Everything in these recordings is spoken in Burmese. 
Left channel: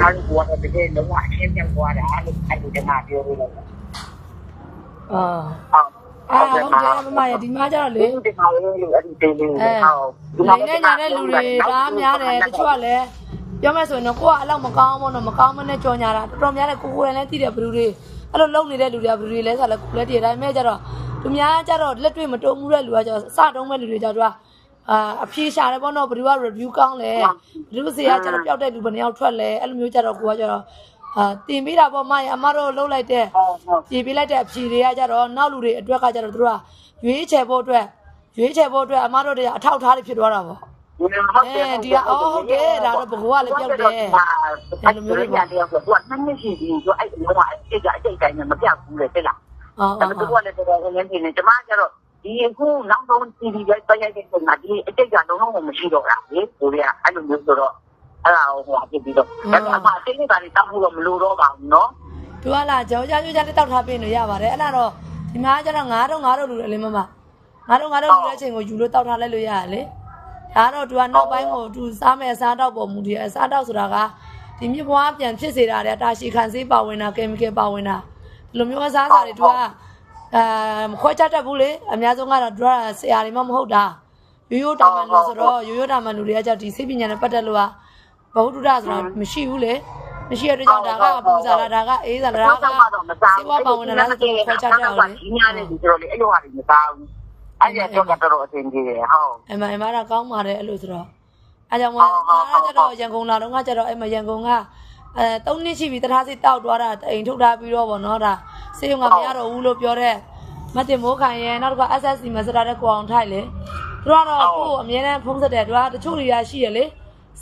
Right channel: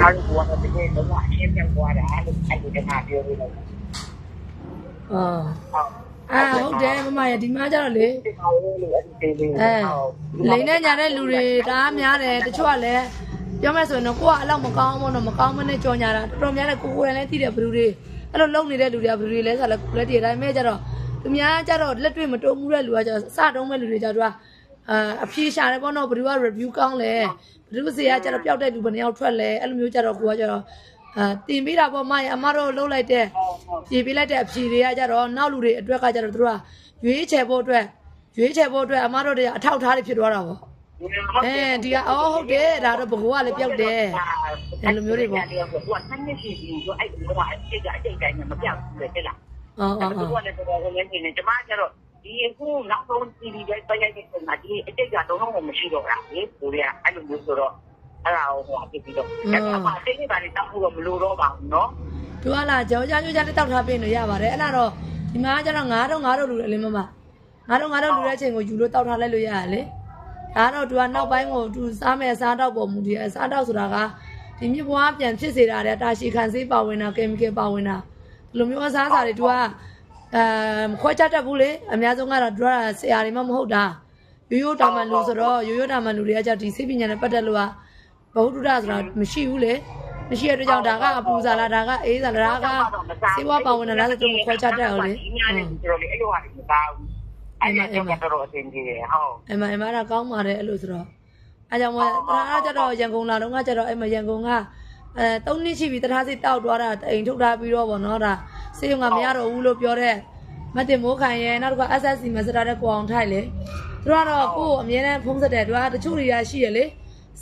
ကျွန်တော်တို့ကတော့တကယ်လုံးဝအရှင်းပြတ်သွားတာလို့အဲ့ဒီတမပြောလို့ဟုတ်ဟုတ်တယ်မမရဒီမှာကျတော့လေဒီမှာလို့အဲ့ဒီတေးလေးလိမ့်နဲ့ညာတဲ့လူတွေဒါများတယ်တချို့ကလည်းပြောမယ်ဆိုရင်တော့ကိုကအလောက်မကောင်းဘူးတော့မကောင်းမနဲ့ကြော်ညာတာတော်တော်များတယ်ကိုယ်လည်းသိတယ်ဘလူတွေအဲ့လိုလုံနေတဲ့လူတွေကဘလူတွေလဲဆိုတော့ကိုယ်လည်းတည်တိုင်းမဲ့ကျတော့သူများကျတော့လက်တွေ့မတုံမှုတဲ့လူကကျတော့စတုံးမဲ့လူတွေကျတော့အဖြေရှာတယ်ပေါ့နော်ဘလူက review ကောင်းလဲဘလူစီကကျတော့ပျောက်တဲ့လူဘယ်နှယောက်ထွက်လဲအဲ့လိုမျိုးကျတော့ကိုကကျတော့တင်ပေးတာပေါ့မရအမတို့လှုပ်လိုက်တဲ့ပြေးပေးလိုက်တဲ့အဖြေတွေကကျတော့နောက်လူတွေအတွက်ကကျတော့သူတို့ကရွေးချယ်ဖို့အတွက်အမတို့တွေအထောက်ထားတွေဖြစ်သွားတာပေါ့ဒီကဟုတ်တယ်ဒါတော့ဘကိုကလည်းပျောက်တယ်အဲ့လိုမျိုးတွေပေါ့သူကနှစ်နှစ်ရှိပြီသူအဲ့လိုကအတိတ်တိုင်းမပြတ်ဘူးလေတဲ့လားသူကလည်းတော်တော်လေးနေတယ်ကျမကျတော့ဒီအခုနောက်ဆုံးတီဗီပဲတိုက်ရိုက်တဲ့ပုံမှာဒီအတိတ်ကလုံးလုံးမရှိတော့တာလေကိုရီးယားအဲ့လိုမျိုးဆိုတော့အဲ့ဒါဟိုဖြစ်ပြီးတော့ဒါပေမဲ့အတိတ်ကနေတောက်ဖို့တော့မလိုတော့ပါဘူးနော်သူကလာကြောကြလေးတောက်ထားပေးလို့ရပါတယ်အဲ့ဒါတော့ဒီမှာကျတော့900လူလေမမ900လူတဲ့အချိန်ကိုယူလို့တောက်ထားလိုက်လို့ရတယ်လေဒါတော့သူကနောက်ပိုင်းကိုသူစားမယ်စားတော့ပုံမူတည်အစားတော့ဆိုတာကဒီမြစ်ဘွားပြန်ဖြစ်စေတာတဲ့တာရှည်ခံစေးပါဝင်တာကင်မီကယ်ပါဝင်တာဒီလိုမျိုးအစားအစာတွေသူကခွဲချတတ်ဘူးလေအများဆုံးကတော့သူကဆရာတွေမှမဟုတ်တာရိုးတာမှန်လူဆိုတော့ရိုးတာမှန်လူတွေကကြဒီစိတ်ပညာနဲ့ပတ်သက်လို့ကဘဝတုဒ္ဒဆိုတာမရှိဘူးလေမရှိတဲ့အတွက်ကြောင့်ဒါကအပူစားလားဒါကအေးစားလားဒါကစေဝါပါဝင်လားဆိုတော့ခွဲချတတ်အောင်လေဒီညာနဲ့ဒီလိုလေအဲ့လိုဟာတွေမသားဘူးအဲ့ဒါတော့တော်အဆင်ပြေတယ်ဟုတ်အမဒါကောင်းပါတယ်အဲ့လိုဆိုတော့အဲကြောင့်အဲ့ကျတော့ရန်ကုန်လာတော့ကကျတော့အဲ့မရန်ကုန်က3နှစ်ရှိပြီတထားစိတ်တောက်သွားတာအိမ်ထုတ်ထားပြီးတော့ဗောနော်ဒါစေုံကမရတော့ဘူးလို့ပြောတဲ့မတင်မိုးခိုင်ရဲ့နောက်တစ်ခါ SSC မစတာတဲ့ကိုအောင်ထိုက်လေသူကတော့ကိုအမြဲတမ်းဖုံးဆက်တယ်သူကတချို့တွေရရှိရလေ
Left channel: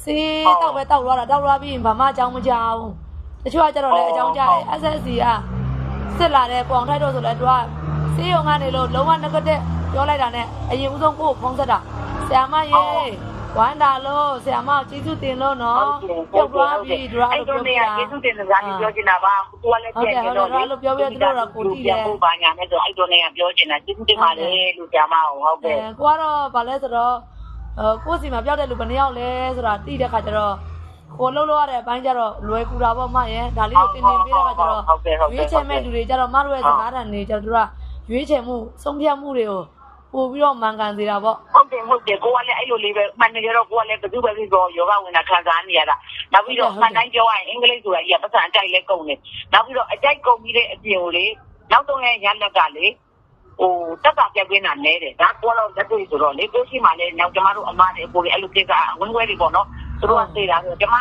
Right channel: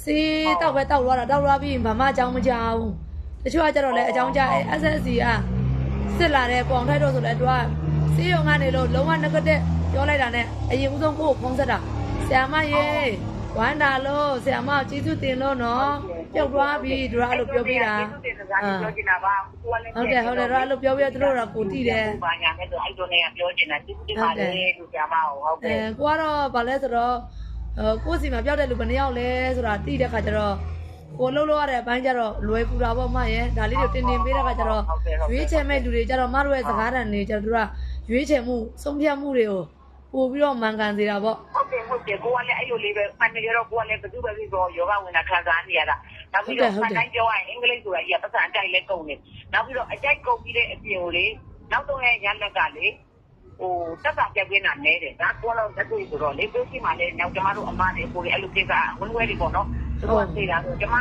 စေးတောက်ပဲတောက်သွားပြီးဘာမှအကြောင်းမကြောက်ဘူးတချို့ကကျတော့လေအကြောင်းကြား SSC ကစစ်လာတဲ့ကိုအောင်ထိုက်တော့ဆိုလဲသူကစေုံကနေလို့လုံးဝ negative ပြောလိုက်တာနဲ့အရင်ဦးဆုံးကိုဖုံးဆက်တာဆရာမရေဝမ်းတာလို့ဆရာမကျေးဇူးတင်လို့နော်ပြုတ်သွားပြီသူကအဲ့လိုပြောပြတာကျေးဇူးတင်စကားပြောချင်တာပါသူကလည်းဟုတ်တယ်အဲ့လိုပြောပြသူတို့ကကိုတိတယ်ဘာညာနဲ့ဆိုအဲ့လိုနေပြောချင်တာကျေးဇူးတင်ပါလေလူဆရာမဟုတ်တယ်ကိုကတော့ဗာလဲဆိုတော့ကိုစီမှာပြောက်တဲ့လူဘယ်နှယောက်လဲဆိုတာတိတဲ့ခါကျတော့ကိုလှုပ်လို့ရတဲ့အပိုင်းကျတော့လွယ်ကူတာပေါ့မရဲ့ဒါလေးကိုတင်ပေးတဲ့ခါကျတော့ရွေးချယ်မဲ့လူတွေကျတော့မတို့ရဲ့စကားတန်တွေကျတော့သူကရွေးချယ်မှုဆုံးဖြတ်မှုတွေကိုပို့ပြီးတော့မှန်ကန်စေတာပေါ့ဟုတ်တယ်ကိုကလည်းအဲ့လိုလေးပဲမှန်တယ်တော့ကိုကလည်းဘယ်သူပဲဖြစ်တော့ယောဂဝင်တာခံစားနေရတာနောက်ပြီးတော့မှန်တိုင်းပြောရရင်အင်္ဂလိပ်ဆိုတာကြီးကပတ်စံအကြိုက်လဲကုန်တယ်နောက်ပြီးတော့အကြိုက်ကုန်ပြီးတဲ့အပြင်ကိုလေနောက်တော့ရဲ့ရလက်ကလေဟိုတက်တာပြက်ပြင်းတာနဲတယ်ဒါကိုတော့တက်တွေ့ဆိုတော့လေကိုရှိမှလည်းနောက်ကျမတို့အမနဲ့ကိုလည်းအဲ့လိုကိစ္စဝင်းဝဲတွေပေါ့နော်သူတို့ကသိတာဆိုကျမ